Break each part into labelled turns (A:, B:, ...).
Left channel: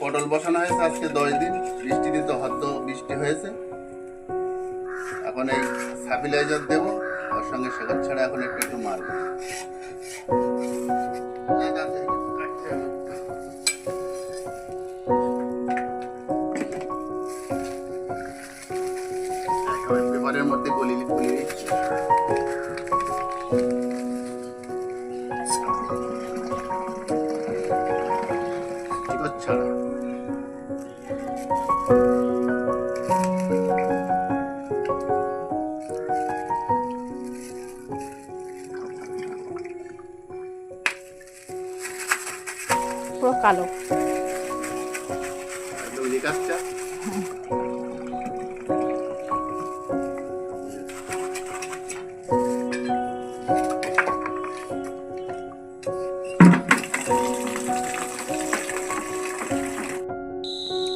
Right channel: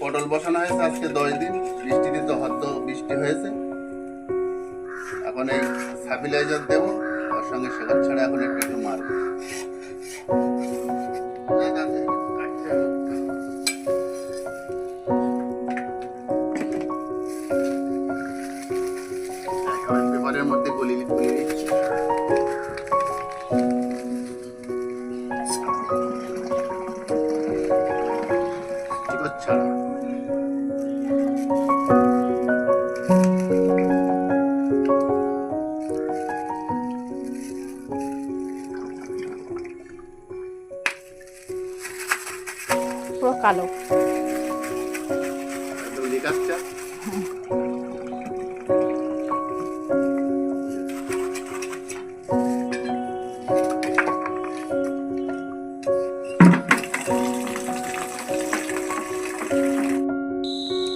A: পটল বসানো হয়েছে আজকে দশ দিন। বৃষ্টিতে তো হদ্দ বৃষ্টি হয়েছে। এখন এই সার্ভিলাইজার দেবো, ওর সঙ্গে শেখার ছাড়া এখন একটু একটু মারবো। পেপারের মধ্যে গলিয়ে গলিয়ে দিচ্ছি।
B: কালো।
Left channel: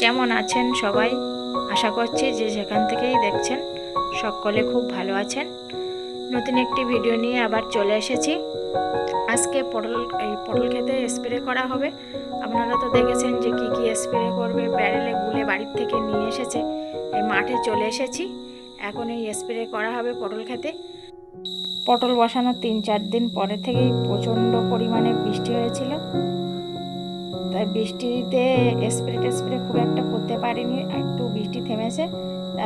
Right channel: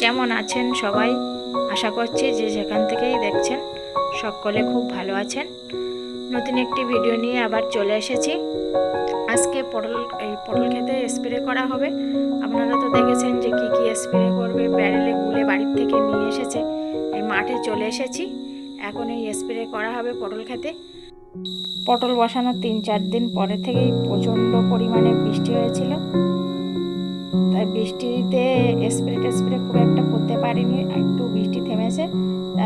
B: কেমন আছেন সবাই? আশা করছি যে যেখান থেকেই দেখছেন, সকলে খুব ভালো আছেন। নতুন একটি ভিডিও নিয়ে আবার চলে এসেছি। আজকে পটল, এই পটল খেতে স্প্রে করা হবে। আপনারা তো দেখেছেন যে কি কি স্প্রে করবে ব্যারেলে গুলে বাড়ির থেকে নিয়ে এসেছে। এই মাঠে চলে এসেছি। এখন এই স্প্রে করা হবে পটল খেতে। পটল বসানোর তিন চার দিন পরে থেকেই প্রচণ্ড পরিমাণে বৃষ্টি হয়েছিল। তাই বৃষ্টিতে স্প্রে টেস্প্রে খুব একটা করতে পারিনি, একটু বৃষ্টি থেমেছে।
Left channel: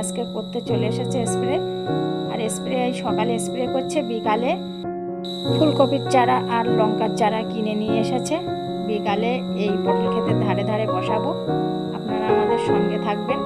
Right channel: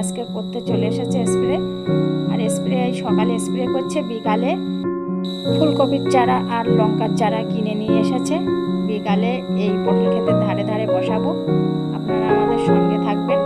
B: আজকে করতে চলে এসেছে স্প্রে আর স্প্রে এই সকালে স্প্রে করছে, বিকালে ফুলকপির চারা আর লঙ্কার চারা কিনে নিয়ে এসেছে। বিকালে এই পটল ক্ষেতের ধারে ধারে বসাবো। আপনারা আমাদের সঙ্গে থাকবেন।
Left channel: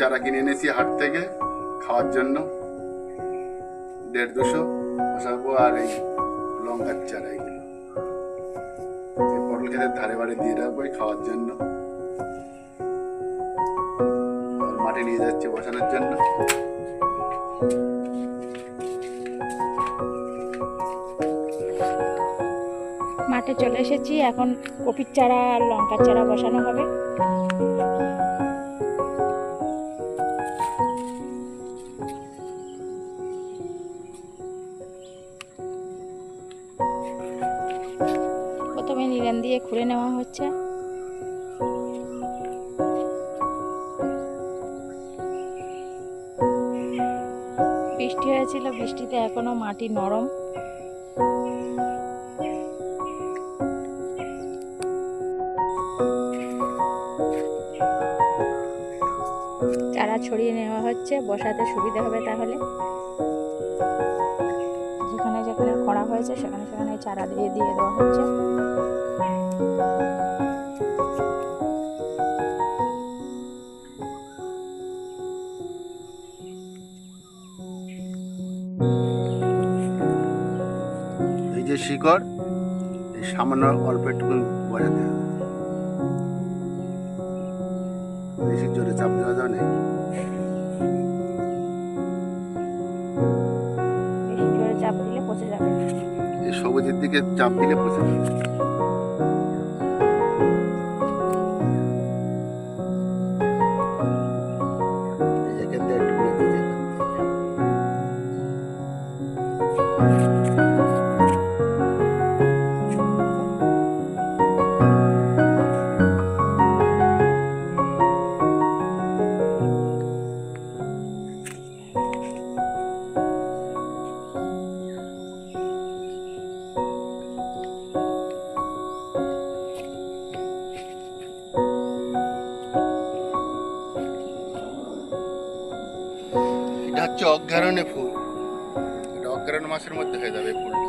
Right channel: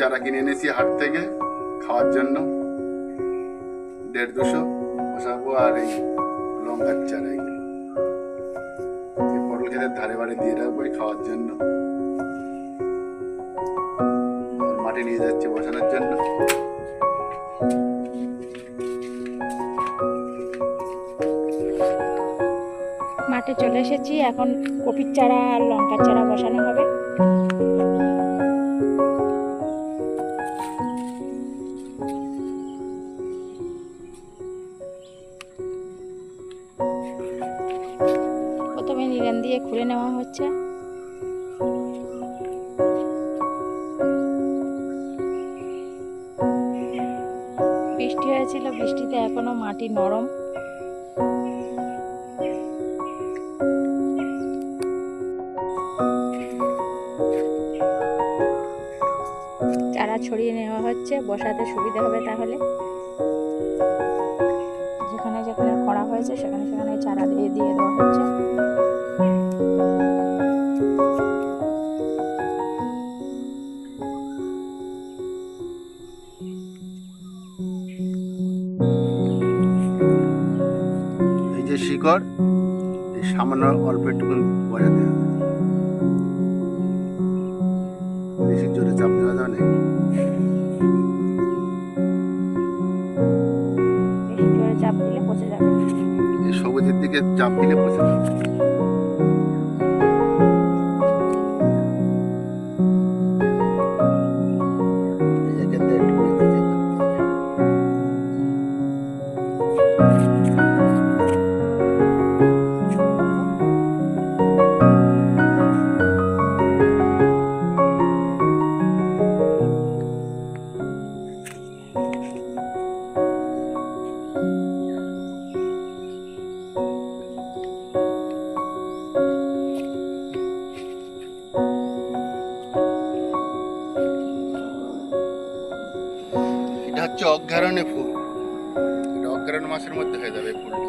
A: চারা কিনে এনেছি হাট থেকে, খাওয়ার জন্য। দেড় দুশো বসাবো আর এই লঙ্কার চারা এগুলো। এই পটল খেতের ধারে বাড়ি দিয়ে রাখব খাওয়ার জন্য। মাঠে নিয়ে যাচ্ছি বসানোর জন্য।
B: মাঠে চলে এসেছি, এখন কপির চারা আর লঙ্কার চারা বসানো হবে। বৃষ্টি হয়েছিল, বৃষ্টিতে এখনও মাটি নরম। চারা ছড়িয়ে নেওয়া হচ্ছে, বসাতে সুবিধা হবে তাহলে। যেখানে যেখানে করা হয়েছে, সেখানে সেখানে চারা দিয়ে দিয়ে দেওয়া হচ্ছে।
A: যে শিকড় এই সামান্য অল্প একটুকু বসাতে হবে। বেশি জোরে চাপ দেওয়া যাবে না
B: বেশি জোরে চাপ দিলে পচে যাবে।
A: এই সবুজের দিকে চাপ দিলে পচে যাবে। হচ্ছে অজ্ঞারণে ফুল। এটা অজ্ঞারণ মাসের মধ্যে হয়ে যাবে ফুলটা।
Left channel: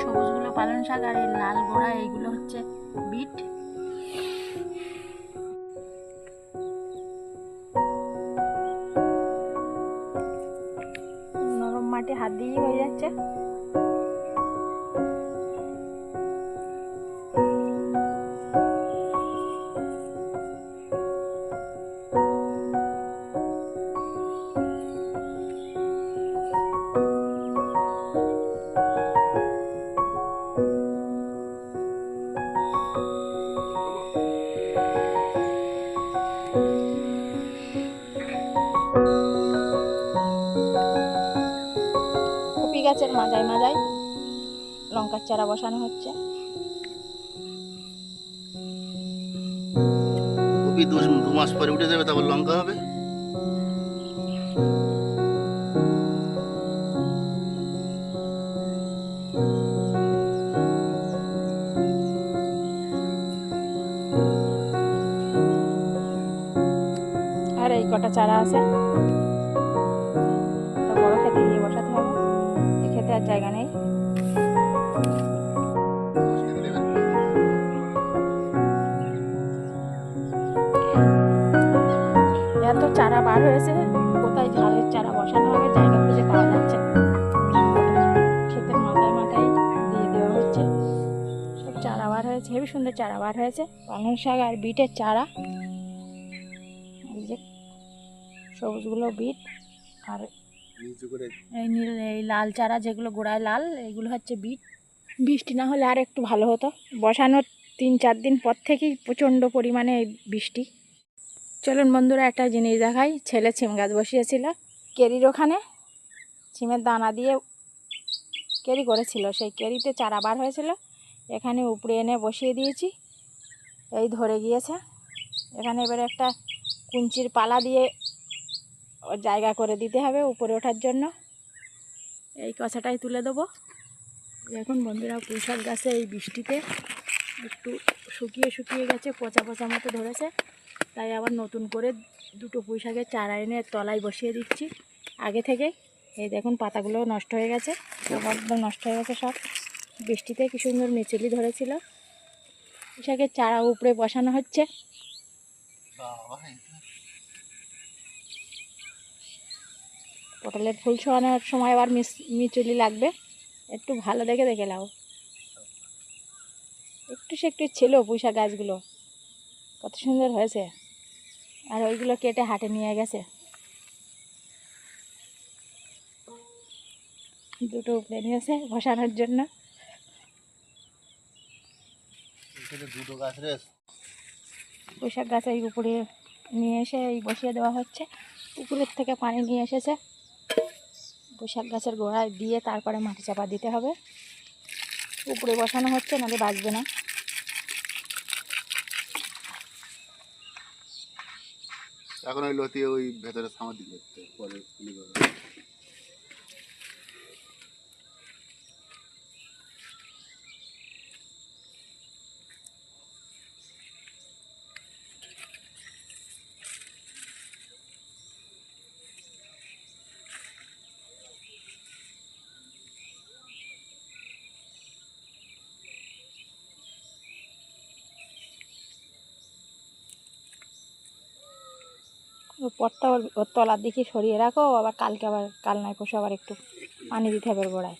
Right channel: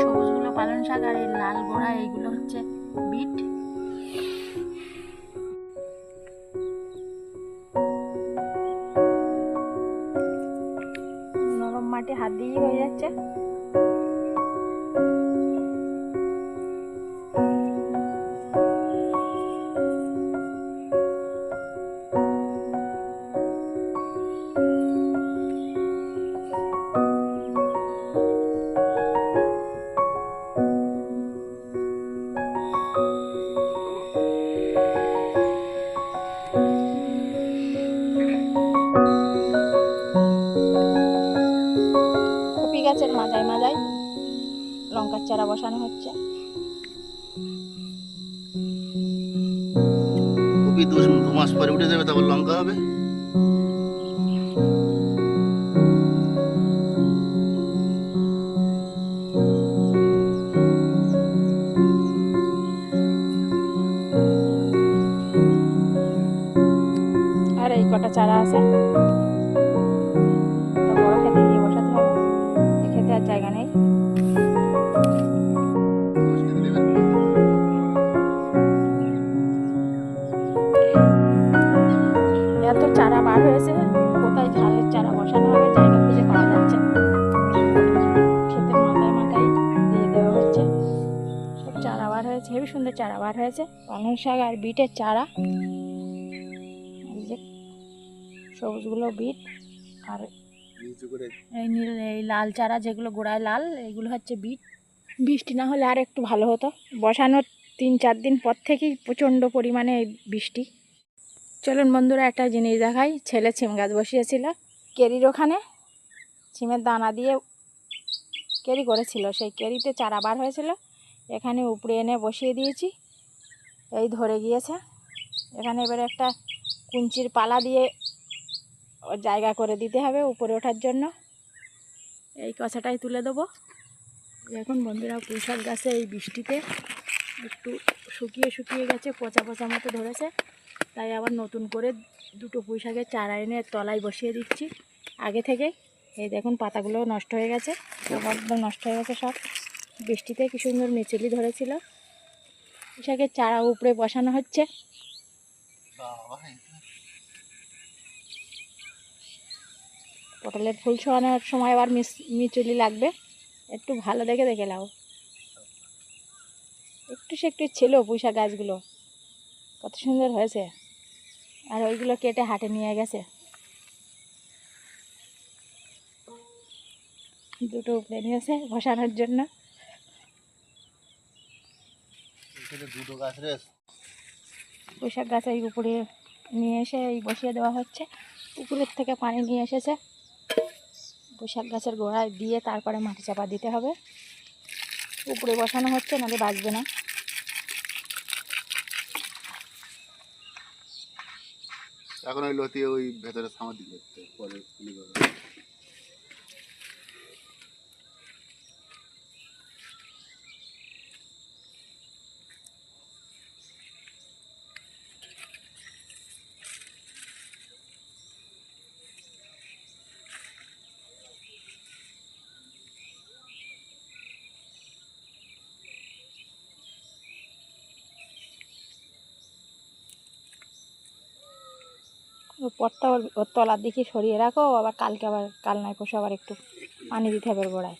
B: সবুজগুলো পালং শাক আর লাল গোড়া এইগুলো হচ্ছে বিট। মাটি হাত দিয়েই হয়ে যাচ্ছে। কপি গাছের মাজায় মাজায় লঙ্কার চারা বসানো হচ্ছে।
C: কপি দু মাস পরে উঠে যাবে তারপর লঙ্কা হবে।
B: আর এই কটা চারা আছে। বড় খেতে। আর জায়গা নেই। এত চারা বার হয়েছে, কোথায় ঝালের চারা বসানো হবে, জায়গা খুঁজে পাওয়া যাচ্ছে। ক্ষেতের মাথায় মাথায় দিয়ে দেওয়া হচ্ছে। সব চারা বার হয়েছে হেবি সুন্দর চারা বার হয়েছে। পালং শাক আর বিটের চারা। এই যে সবুজগুলো বিট আর এই নীল এই লাল চারা যেগুলো গোড়ায় লাল এগুলো হচ্ছে বিট। বৃষ্টি না হলে আর একটু ভালো হতো। বসানোর তিন চার দিন পর থেকেই প্রচণ্ড পরিমাণে এই বৃষ্টি। চলুন বন্ধুরা একটা জিনিস দেখাই। ছেলে ছিম গাছ বসিয়েছিল। কেরির ওখানে ছিমের দানা দিয়ে কেরি করেছিল। সেই কেরিতে চারা বার হয়েছিল। এখানে উপরে এনে বসিয়ে দিয়েছি। এই ধরে গিয়েছে। এখানে এবারে একটা কুঞ্চির পালা দিয়ে জায়গা করে দিতে হবে উপরে ওঠার জন্য। এই কষাটাই তুলে দেবো। এখন বন্ধুরা, পুঁইশাক গাছে এই বৃষ্টিতে একটু শুকিয়ে শুকিয়ে গেছে, পচা পচা মতো ধরেছে। তাই আবার নতুন করে দুটো পুঁইশাকের চারা এনে তলায় বসিয়ে দিচ্ছি আগে থেকে এই দেখুন, পাতাগুলো নষ্ট হয়ে গেছে, একদম নষ্ট হয়ে গেছে সব। বৃষ্টিতে কি সুন্দর মিচুলি ধরেছিল। পুঁইশাকের চারা উপরে বসানো হচ্ছে। পটলের ফুল ছোঁয়ানোর সময় আবার মিচুলি লাগবে। একটু ভালো দেখে দেখে লাও একটু সে একটু ছিল পুঁইশাক গাছগুলো। কত সুন্দর হয়েছে। আর ওইগুলো কেটে হাটে নিয়ে গেছে। দুটো উপরে নিয়েছে বসানোর জন্য।
C: দুটো গাছ
B: পুঁইশাক গাছ এই উপরে নিয়ে এসে এই বসিয়ে দেওয়া হচ্ছে। পুকুরের থেকে পানি নিয়ে এসেছে। পুঁইশাক গাছের গোড়ায় দিয়ে তারপরে মাটি চাপা দিতে হবে। উপরে বসানো হচ্ছে, নাহলে বাঁচবে না।
A: এখন ওই লতি ওই ভেতরে সামাদি করতে পরে
B: পটটা ওর তলার দিকে সরিয়ে রাখো, আবার কালকে আবার কাল নয় পরশু আবার একটু পানি দিতে হবে গোড়ায়।